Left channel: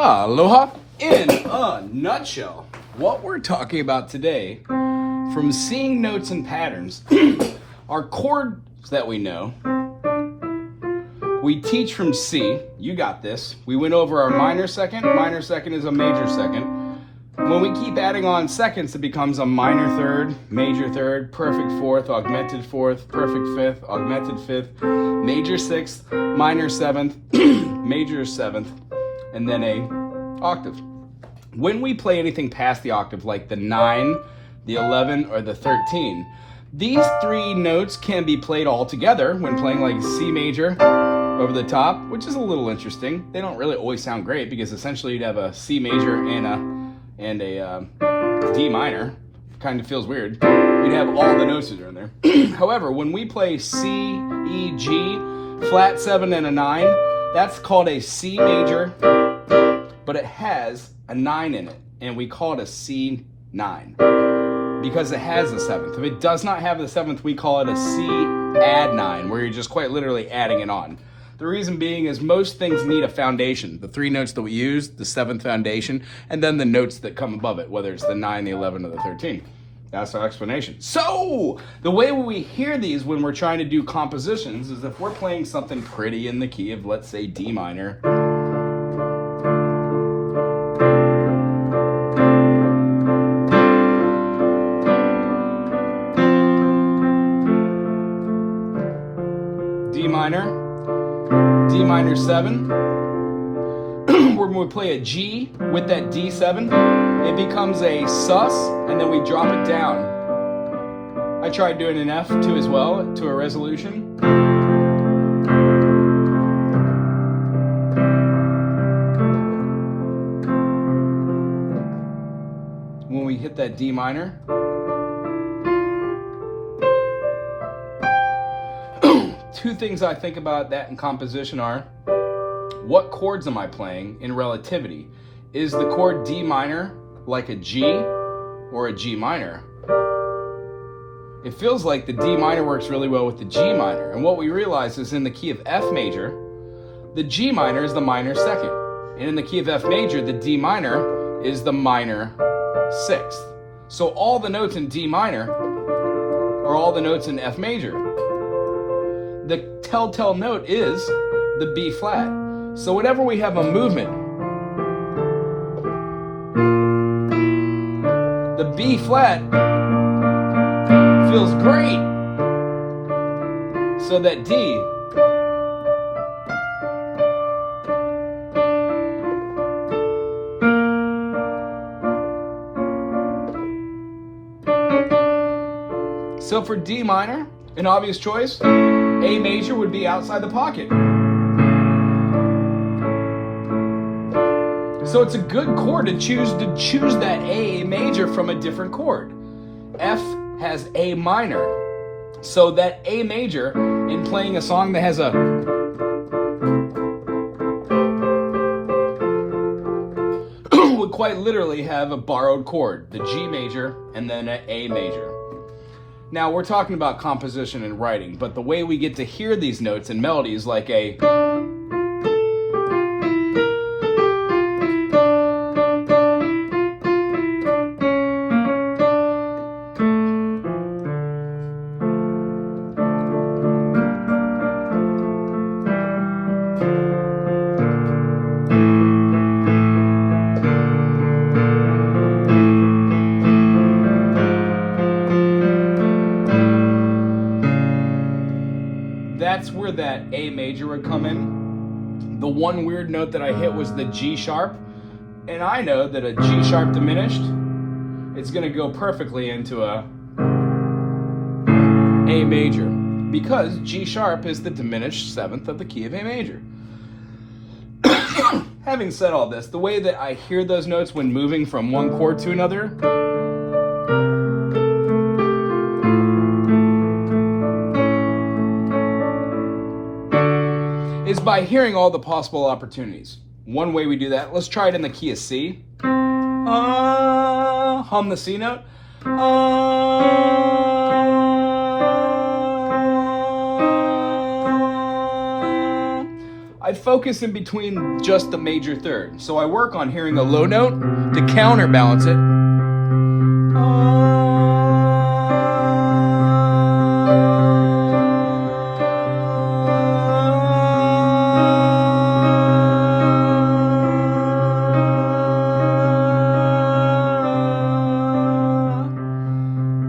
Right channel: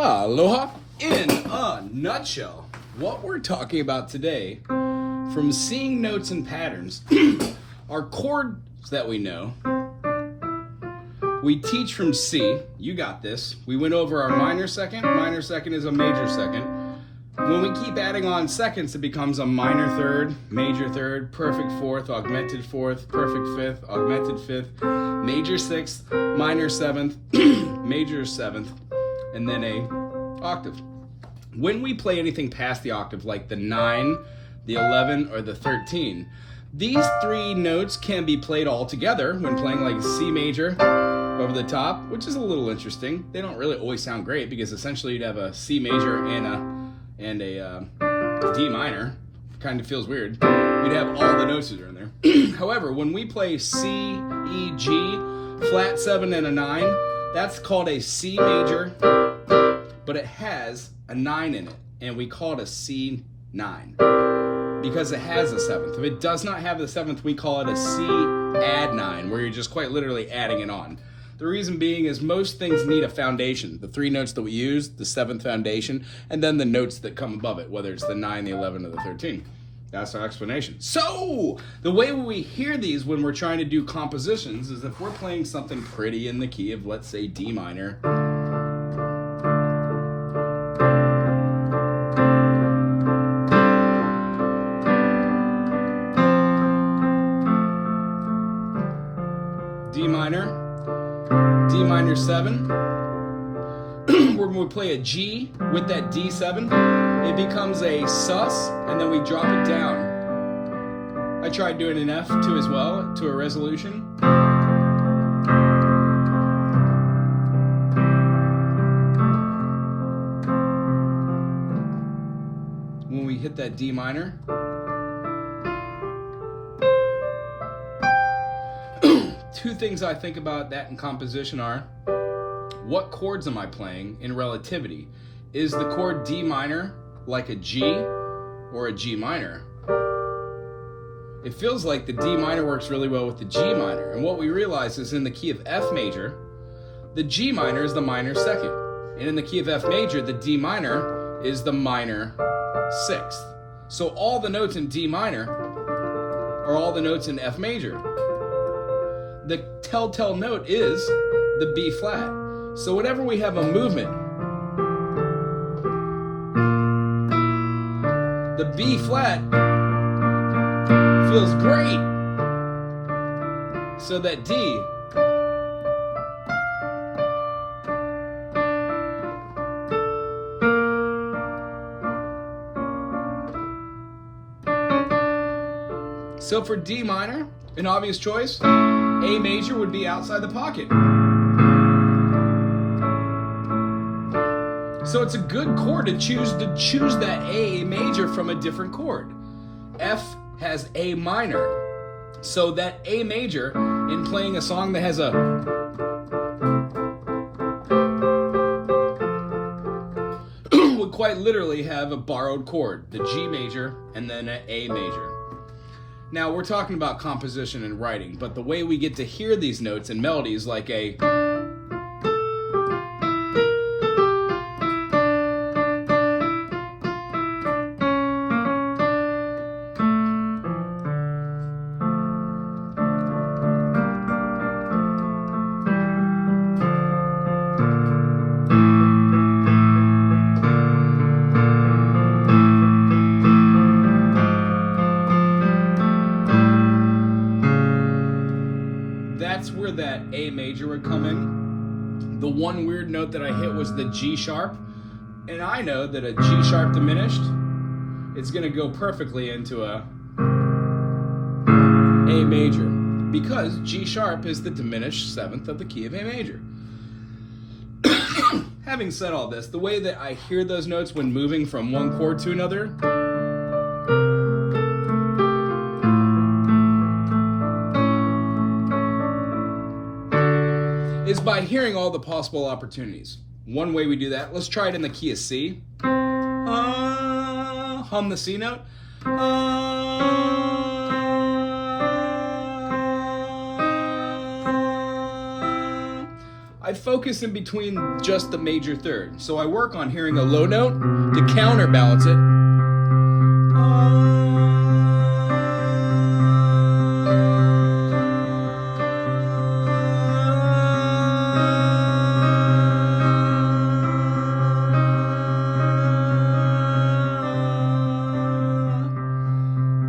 Aloha! In a nutshell, what we're talking about today, from seeing notes and patterns, are chords that we know. We teach from C, you got this. We went over our minor second is a major second. When we keep adding on seconds, it becomes a minor third, major third, perfect fourth, augmented fourth, perfect fifth, augmented fifth, major sixth, minor seventh, major seventh, and then a octave. When we play anything past the octave, like the 9, the 11, or the 13, these three notes can be played all together when playing like C major over the top, which is a little interesting. They don't really always sound great because essentially you'd have a C major and a D minor. Kind of feels weird. You'd have all the notes that are in there. However, when we play C, E, G, flat 7, and a 9, that's called a C major, but it has a 9 in it, and we call it a C9 because it has the 7th. If it does not have the 7th, we call it a C add 9, where you're just quite literally adding it on. The reason being is most things need a foundation. The three notes that we use, the 7th foundation, and then the notes that come above it, whether it's the 9, the 11, or the 13. That's our explanation. So, the way we hear these when we're trying to do compositions is if we're playing something pretty in the key of, let's say, D minor. D minor 7. When we play a G with that D7, it becomes a sus, and then we drop it down. I tried doing an F2 as well, to a resolution. When we hit that D minor, two things I think about that in composition are, what chords am I playing in relativity? Is the chord D minor like a G or a G minor? It feels like the D minor works really well with the G minor, and what we realize is in the key of F major, the G minor is the minor second, and in the key of F major, the D minor is the minor sixth. So all the notes in D minor are all the notes in F major. The telltale note is the B flat. So whenever we have a movement, the B flat feels great. So that D So for D minor, an obvious choice, A major would be outside the pocket. So it's a good chord to choose that A major from a different chord. F has A minor. So that A major, in playing a song that has a would quite literally have a borrowed chord, the G major and then an A major. Now, we're talking about composition and writing, but the way we get to hear these notes and melodies like a that's where that A major would come in. The one weird note that I hit was the G sharp, and I know that a G sharp diminished, it's going to go perfectly into a A major, because G sharp is the diminished 7th of the key of A major. Having said all this, the way that I hear those notes when moving from one chord to another is by hearing all the possible opportunities. One way we do that, let's try it in the key of C. Hum the C note. I focus in between just the major third. So I work on hearing a low note to counterbalance it.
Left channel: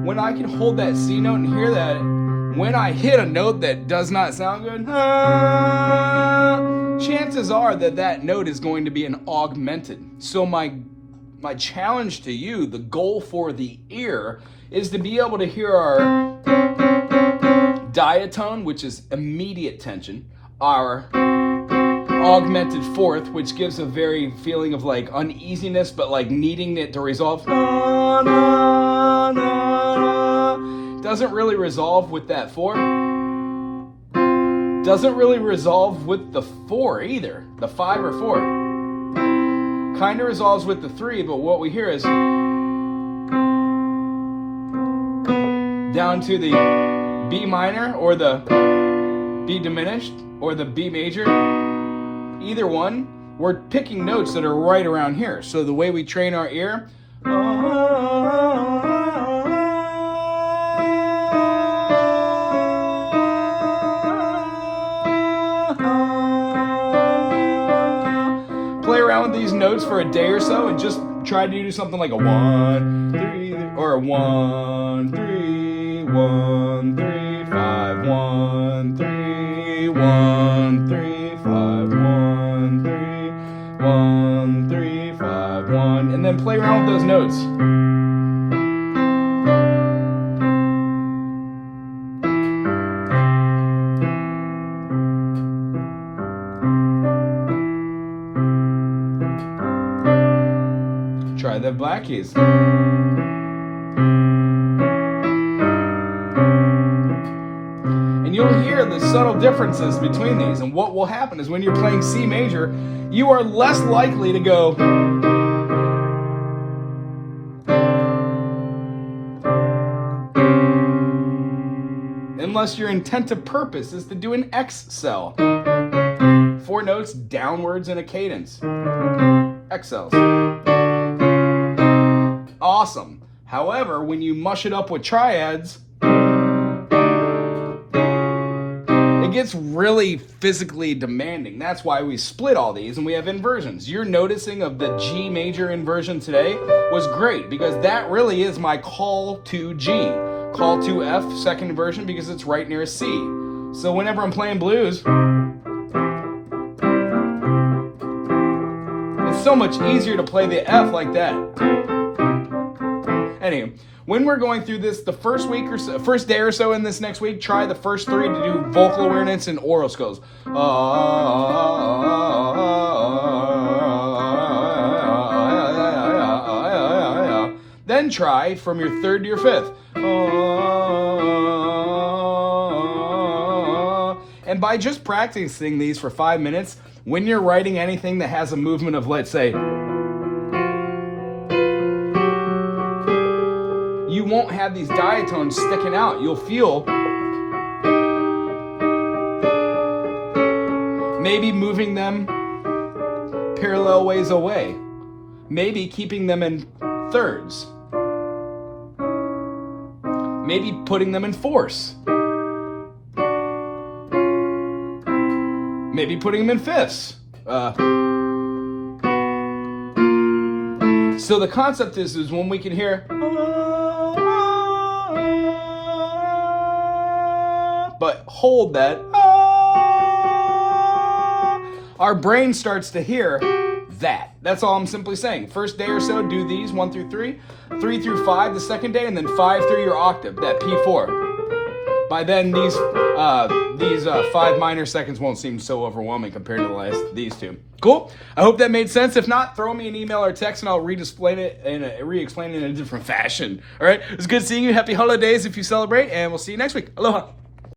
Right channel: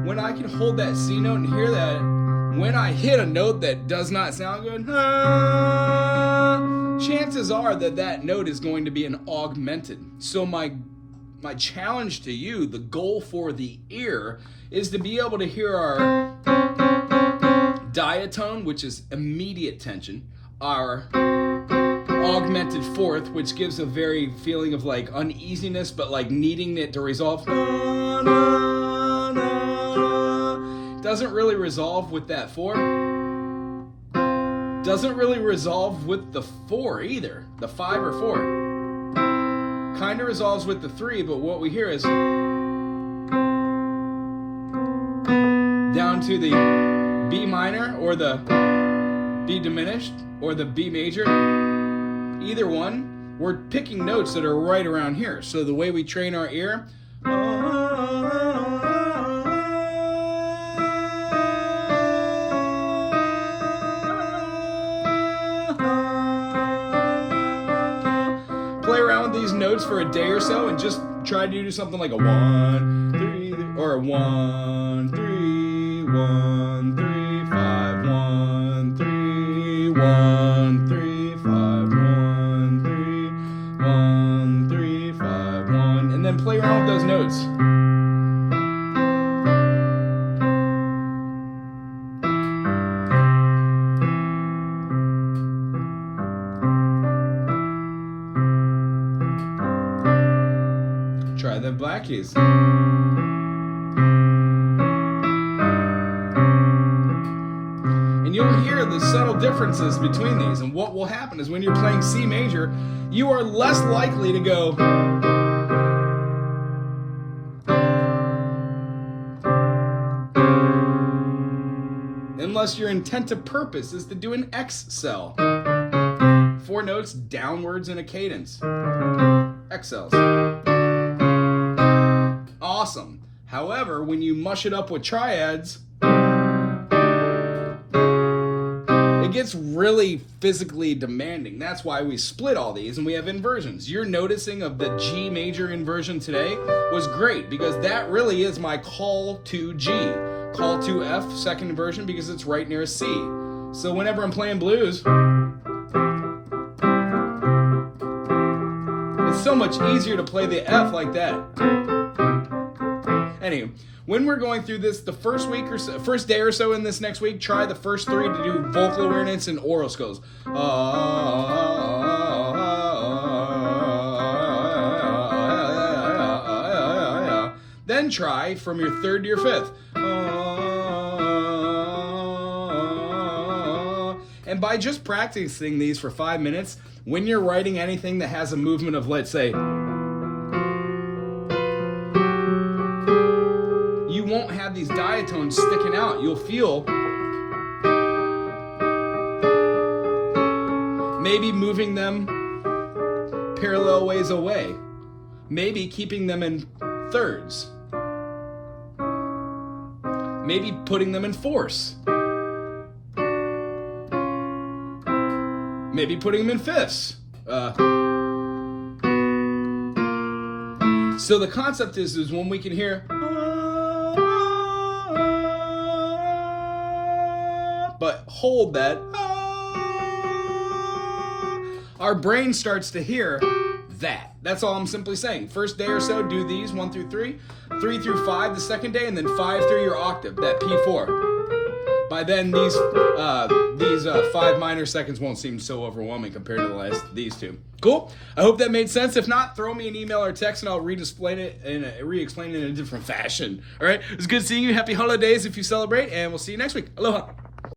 When I can hold that C note and hear that, when I hit a note that does not sound good, chances are that that note is going to be an augmented. So my challenge to you, the goal for the ear, is to be able to hear our diatone, which is immediate tension, our augmented fourth, which gives a very feeling of like uneasiness, but like needing it to resolve. Doesn't really resolve with that 4. Doesn't really resolve with the 4 either, the 5 or 4. Kind of resolves with the 3, but what we hear is down to the B minor or the B diminished or the B major. Either one, we're picking notes that are right around here. So the way we train our ear, notes for a day or so and just try to do something like a 1, 3, or a 1, 3, 1, 3, 5, 1, 3, 1, 3, 5, 1, 3, 1, 3, 5, 1, and then play around with those notes. Try the black keys. And you'll hear the subtle differences between these. And what will happen is when you're playing C major, you are less likely to go unless your intent of purpose is to do an X cell. 4 notes downwards in a cadence. X cells. Awesome. However, when you mush it up with triads, it gets really physically demanding. That's why we split all these and we have inversions. Your noticing of the G major inversion today was great because that really is my call to G. Call to F, second inversion, because it's right near C. So whenever I'm playing blues, it's so much easier to play the F like that. Anyway, when we're going through this, the first week or so, first day or so in this next week, try the first 3 to do vocal awareness and oral skills. Then try from your 3rd to your 5th. And by just practicing these for 5 minutes, when you're writing anything that has a movement of, let's say, you won't have these diatones sticking out. You'll feel maybe moving them parallel ways away. Maybe keeping them in 3rds. Maybe putting them in 4ths. Maybe putting them in 5ths. So the concept is when we can hear, but hold that, our brain starts to hear that. That's all I'm simply saying. First day or so, do these 1 through 3, 3 through 5 the second day, and then 5 through your octave, that P4. By then, these 5 minor seconds won't seem so overwhelming compared to these 2. Cool? I hope that made sense. If not, throw me an email or text and I'll re-explain it in a different fashion. All right? It's good seeing you. Happy holidays if you celebrate, and we'll see you next week. Aloha.